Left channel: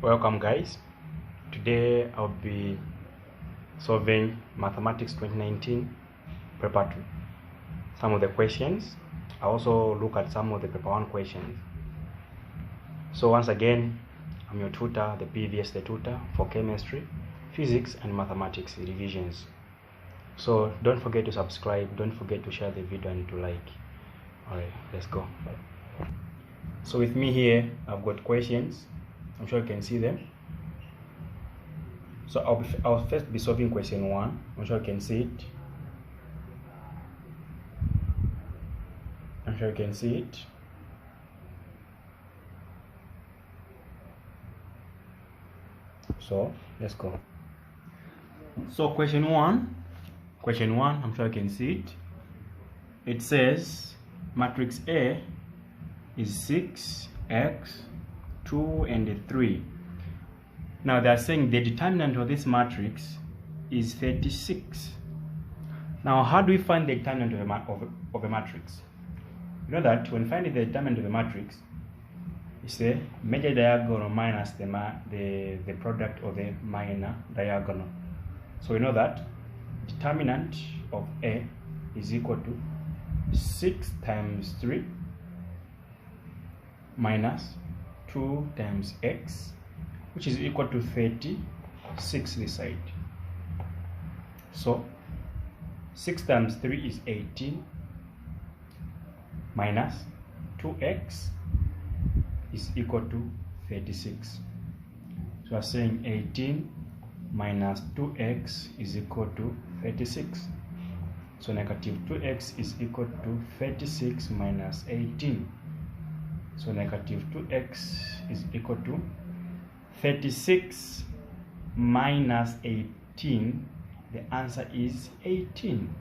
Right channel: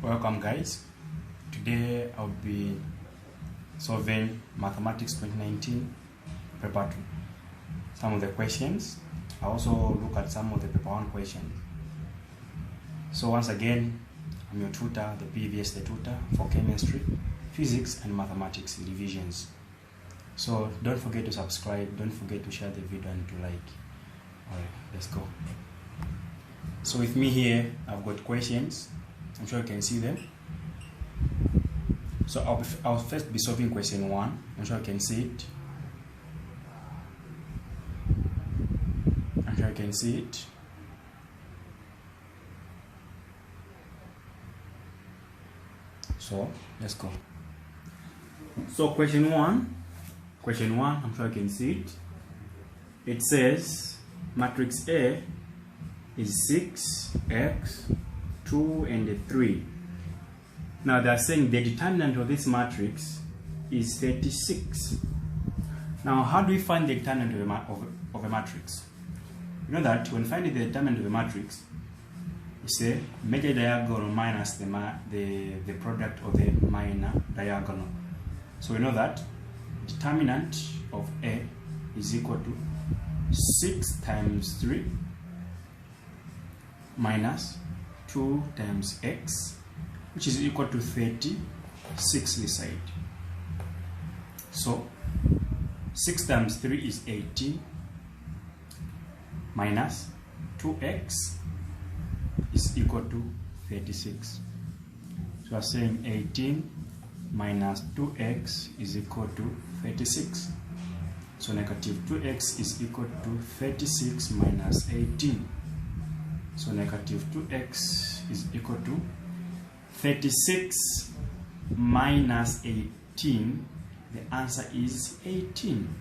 Welcome guys. Today I'll be solving Mathematics 2019 Paper 2. Some of the questions. I also look at some of the Paper 1 questions. So once again, I'm your tutor, the previous tutor for chemistry, physics and mathematics revisions. So don't forget to subscribe, don't forget to share the video and to like. Alright, let's go. So with me here, I've got questions. I'm sure you can see them. So I'll first be solving question 1. I'm sure you can see it. I'm sure you can see it. So let's go. So question 1, I'm sure you can see it. It says matrix A is 6x, 2 and 3. Now they are saying the determinant of this matrix is 36. Now how do we find the determinant of a matrix? You know that when finding the determinant of a matrix, it's the major diagonal minus the product of the minor diagonal. So we know that determinant of A is equal to 6 times 3 minus 2 times x, which is equal to 36 this side. So 6 times 3 is 18 minus 2x is equal to 36. So we are saying 18 minus 2x is equal to 36. So negative 2x is equal to 36 minus 18. So negative 2x is equal to 36 minus 18. The answer is 18.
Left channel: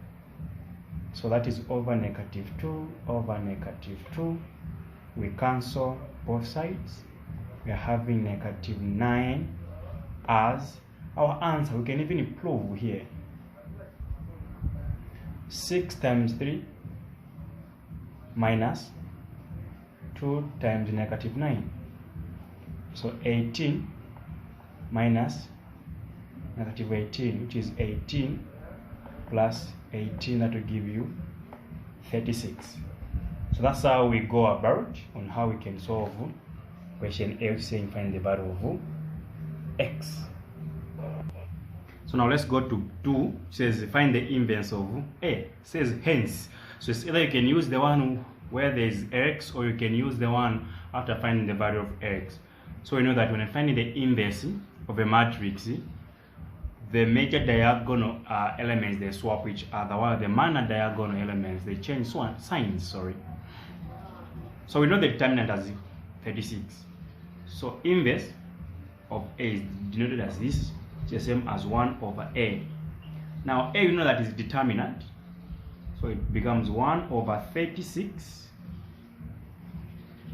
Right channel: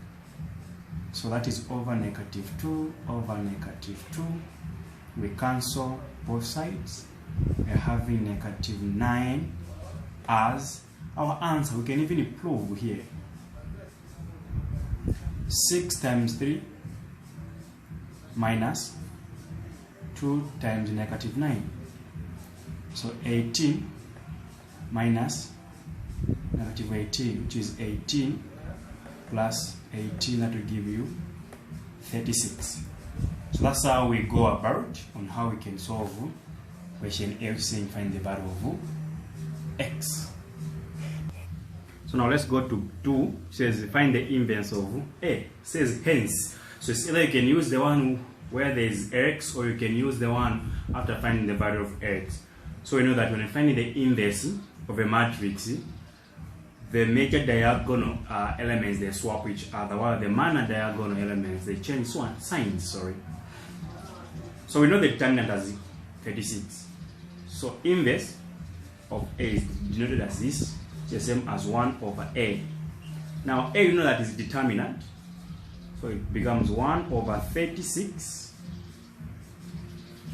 So that is over negative 2 over negative 2. We cancel both sides. We are having negative 9 as our answer. We can even improve here. 6 times 3 minus 2 times negative 9. So 18 minus negative 18, which is 18 plus 18, that will give you 36. So that's how we go about on how we can solve question A, saying find the value of x. So now let's go to 2. It says find the inverse of A. It says hence. So it's either you can use the one where there is x, or you can use the one after finding the value of x. So we know that when I find the inverse of a matrix, the major diagonal elements, they swap each other, while the minor diagonal elements, they change signs. So we know the determinant as 36. So inverse of A is denoted as this, the same as 1 over A. Now A, you know that is determinant, so it becomes 1 over 36.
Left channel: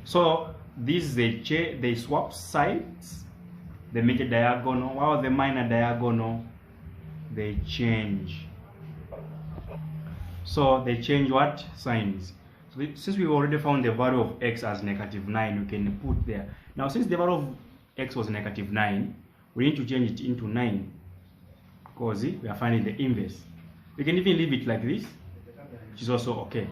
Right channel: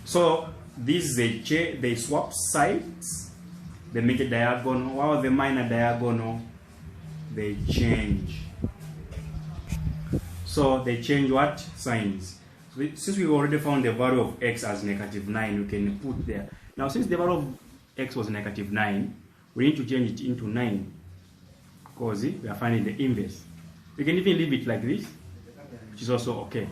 So these they swap sides, the major diagonal, while the minor diagonal, they change. So they change what? Signs. So since we've already found the value of x as negative 9, we can put there. Now since the value of x was negative 9, we need to change it into 9, because we are finding the inverse. We can even leave it like this, which is also okay.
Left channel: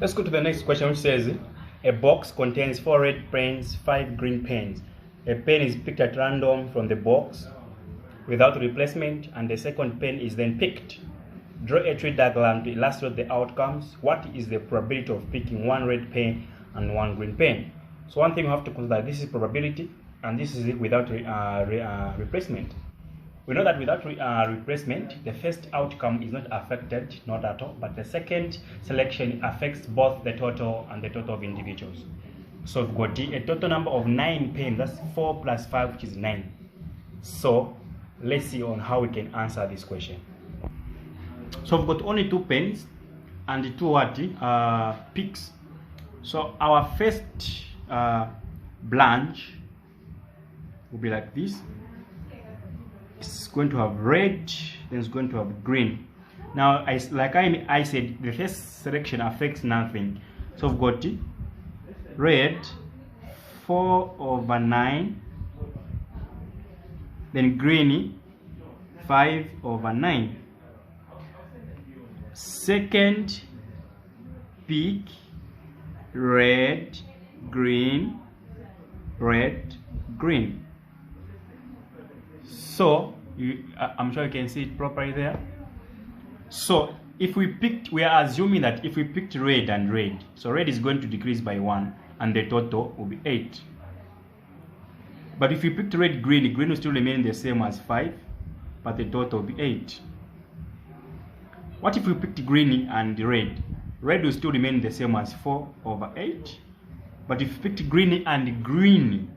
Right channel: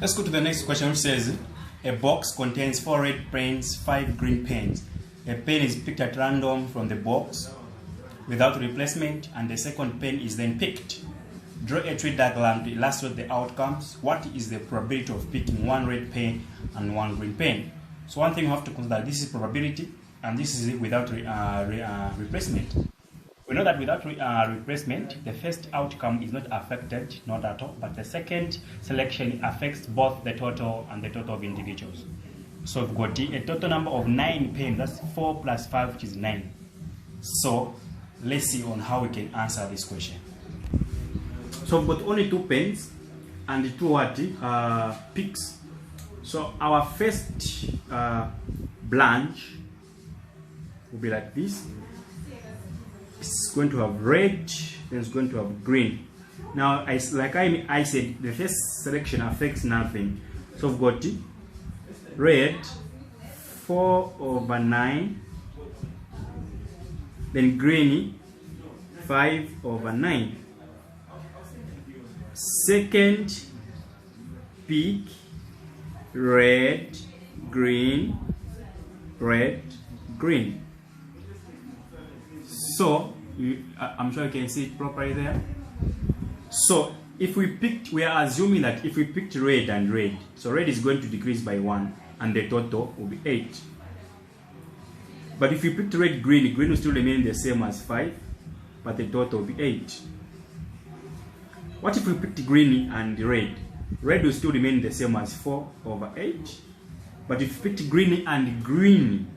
Let's go to the next question, which says a box contains 4 red pens, 5 green pens. A pen is picked at random from the box without replacement, and the second pen is then picked. Draw a tree diagram to illustrate the outcomes. What is the probability of picking 1 red pen and 1 green pen? So one thing you have to consider, this is probability, and this is without replacement. We know that without replacement, the first outcome is not affected, not at all, but the second selection affects both the total and the total of individuals. So we've got a total number of 9 pens, that's 4 plus 5, which is 9. So let's see on how we can answer this question. So we've got only 2 pens and 2 picks. So our first blanch will be like this. It's going to have red, then it's going to have green. Now, like I said, the first selection affects nothing. So we've got red, 4 over 9. Then green, 5 over 9. Second pick, red, green, red, green. So I'm sure you can see it properly there. So if we picked, we are assuming that if we picked red and red, so red is going to decrease by 1 and the total will be 8. But if we picked red, green will still remain the same as 5, but the total will be 8. What if we picked green and red? Red will still remain the same as 4 over 8. But if we picked green and green,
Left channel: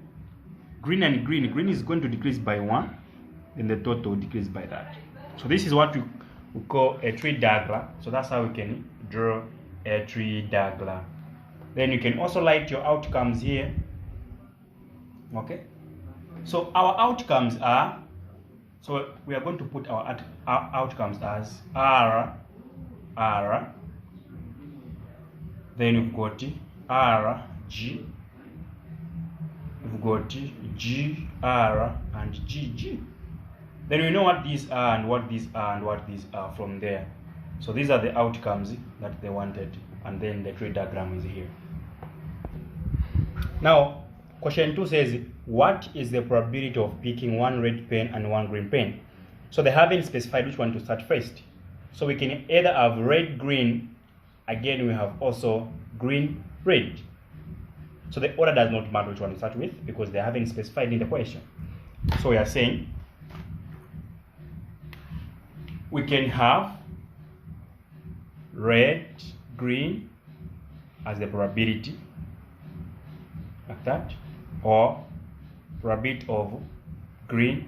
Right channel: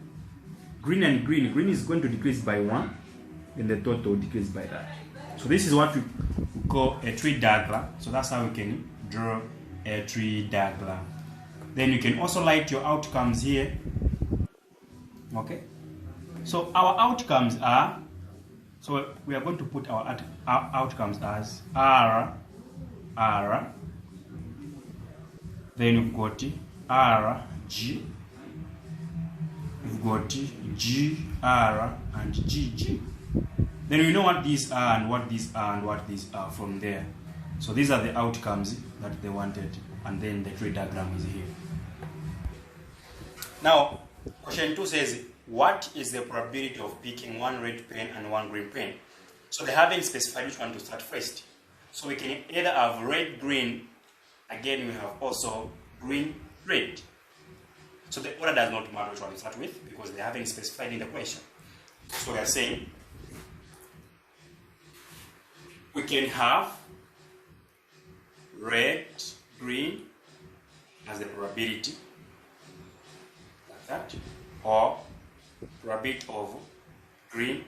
green is going to decrease by 1, then the total will decrease by that. So this is what we call a tree diagram. So that's how we can draw a tree diagram. Then you can also write your outcomes here. Okay. So our outcomes are, so we are going to put our outcomes as R, then you've got R, G, you've got G, R, and GG. Then we know what these are and what these are and what these are from there. So these are the outcomes that they wanted, and then the tree diagram is here. Now, question 2 says, what is the probability of picking one red pen and one green pen? So they haven't specified which one to start first. So we can either have red, green, again we have also green, red. So the order does not matter which one to start with because they haven't specified in the question. So we are saying we can have red, green as the probability, like that, or probability of green,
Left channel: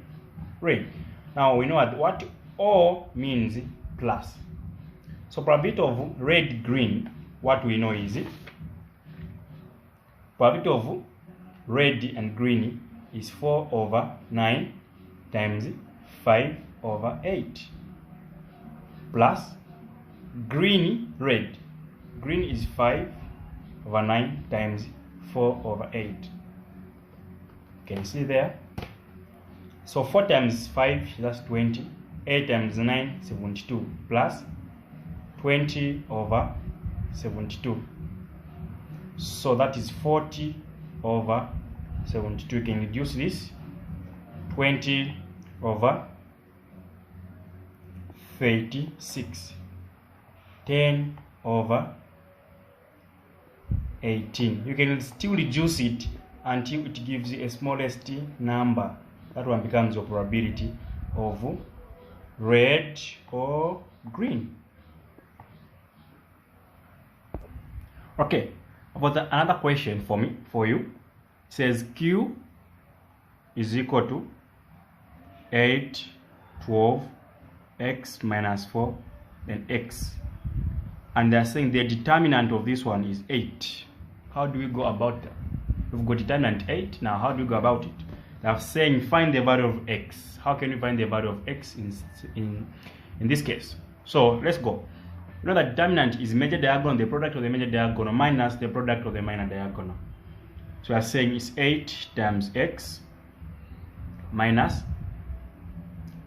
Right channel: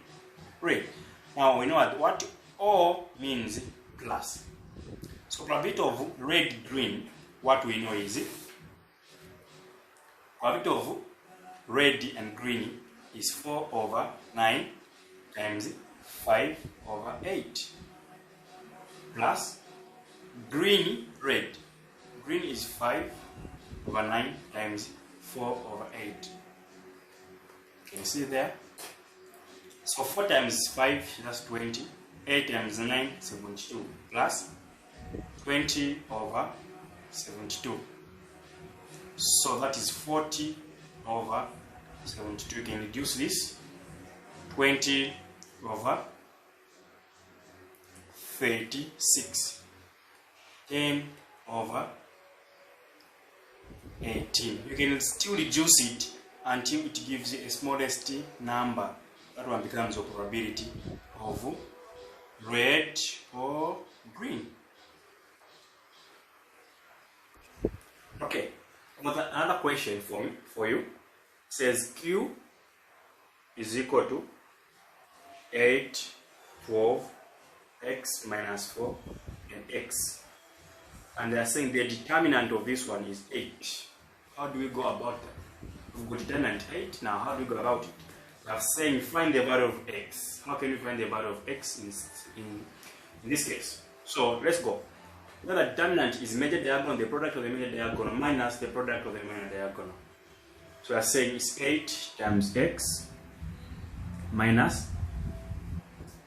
red. Now we know what O means plus. So probability of red, green, what we know is probability of red and green is 4 over 9 times 5 over 8 plus green, red. Green is 5 over 9 times 4 over 8. You can see there. So 4 times 5, that's 20. 8 times 9, 72. Plus 20 over 72. So that is 40 over 72. You can reduce this. 20 over 36. 10 over 18. You can still reduce it until it gives you a smallest number. That one becomes your probability of red or green. Okay, about another question for you. It says Q is equal to 8, 12, x minus 4, and x. And they're saying the determinant of this one is 8. How do we go about that? We've got determinant 8. Now, how do we go about it? They're saying find the value of x. How can we find the value of x in this case? So let's go. You know that determinant is major diagonal, the product of the major diagonal minus the product of the minor diagonal. So we are saying it's 8 times x minus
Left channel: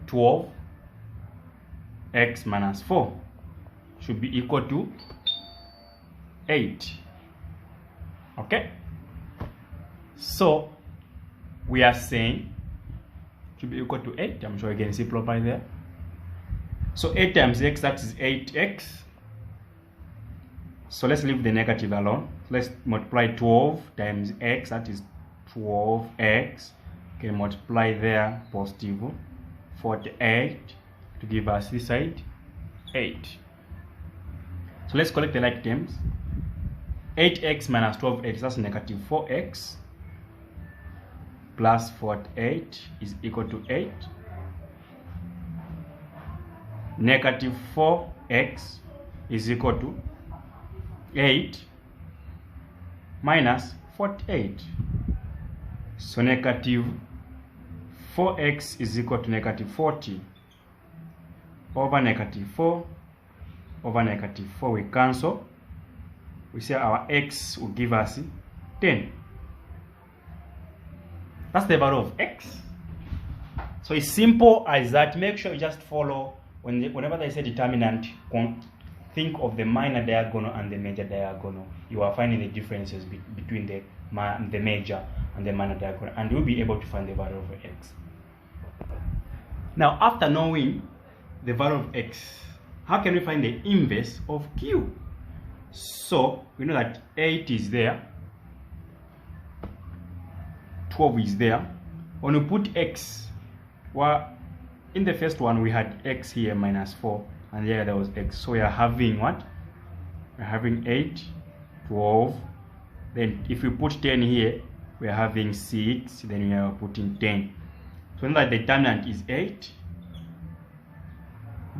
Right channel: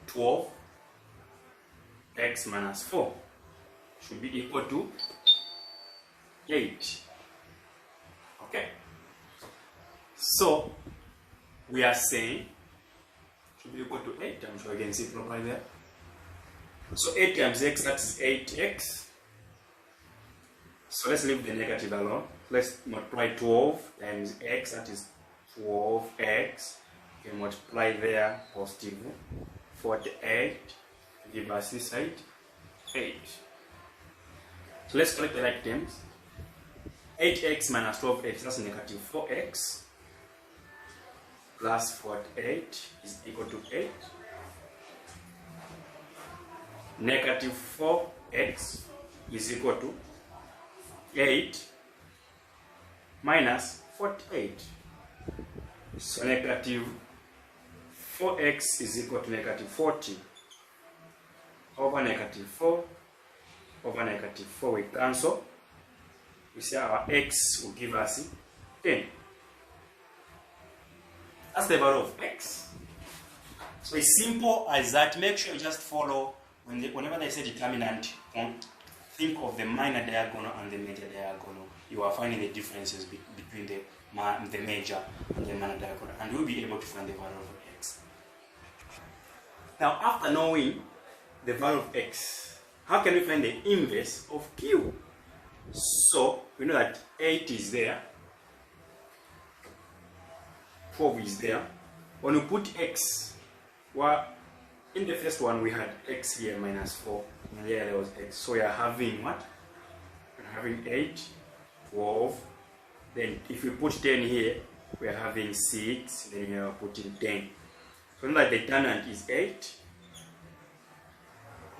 12 x minus 4 should be equal to 8. Okay? So we are saying should be equal to 8. I'm sure you can see properly there. So 8 times x, that is 8x. So let's leave the negative alone. Let's multiply 12 times x, that is 12x. Okay, multiply there positive 48 to give us this side 8. So let's collect the like terms. 8x minus 12x, that's negative 4x, plus 48 is equal to 8. Negative 4x is equal to 8 minus 48. So negative 4x is equal to negative 40 over negative 4 over negative 4. We cancel. We say our x will give us 10. That's the value of x. So it's simple as that. Make sure you just follow whenever they say determinant, think of the minor diagonal and the major diagonal. You are finding the differences between the major and the minor diagonal, and you'll be able to find the value of x. Now, after knowing the value of x, how can we find the inverse of q? So we know that 8 is there, 12 is there. When we put x, well, in the first one we had x here minus 4, and here there was x. So we are having what? We're having 8, 12. Then if we put 10 here, we are having 6. Then we are putting 10. So now that the determinant is 8.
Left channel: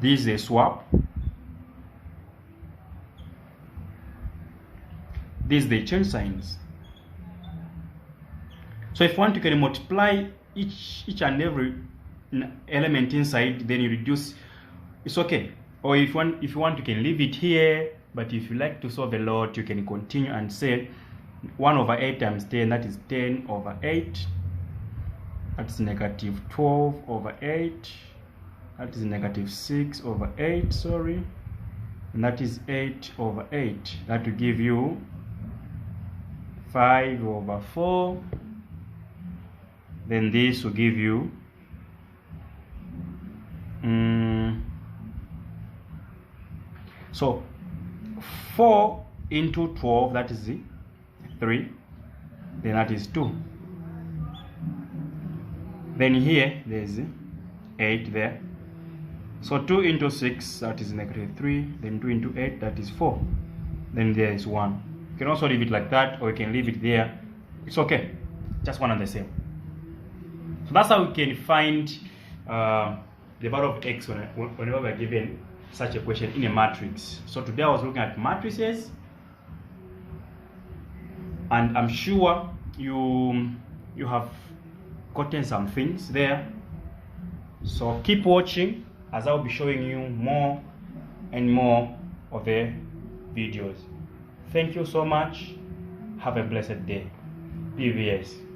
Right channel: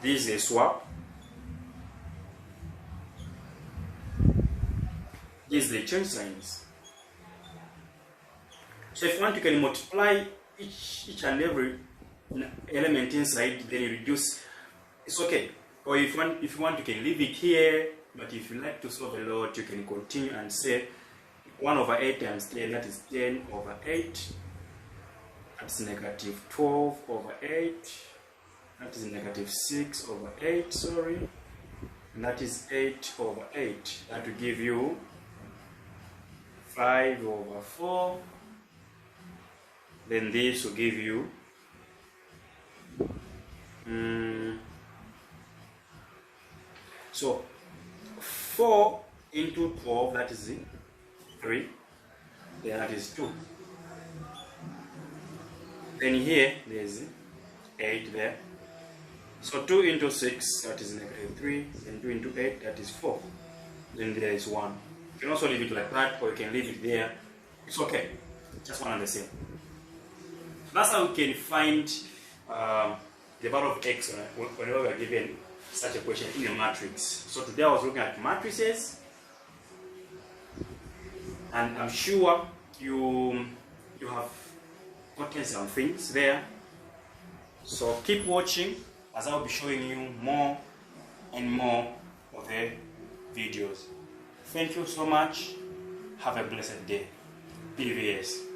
This is a swap. This is the change signs. So if you want, you can multiply each and every element inside, then you reduce. It's okay. Or if you want, you can leave it here. But if you like to solve a lot, you can continue and say 1 over 8 times 10, that is 10 over 8. That's negative 12 over 8. That is negative 6 over 8, sorry. And that is 8 over 8. That will give you 5 over 4. Then this will give you so 4 into 12, that is 3. Then that is 2. Then here there's 8 there. So 2 into 6, that is negative 3. Then 2 into 8, that is 4. Then there is 1. You can also leave it like that, or you can leave it there. It's okay. Just one and the same. That's how we can find the value of x whenever we are given such a question in a matrix. So today I was looking at matrices, and I'm sure you have gotten some things there. So keep watching as I'll be showing you more and more of the videos. Thank you so much. Have a blessed day. PVS.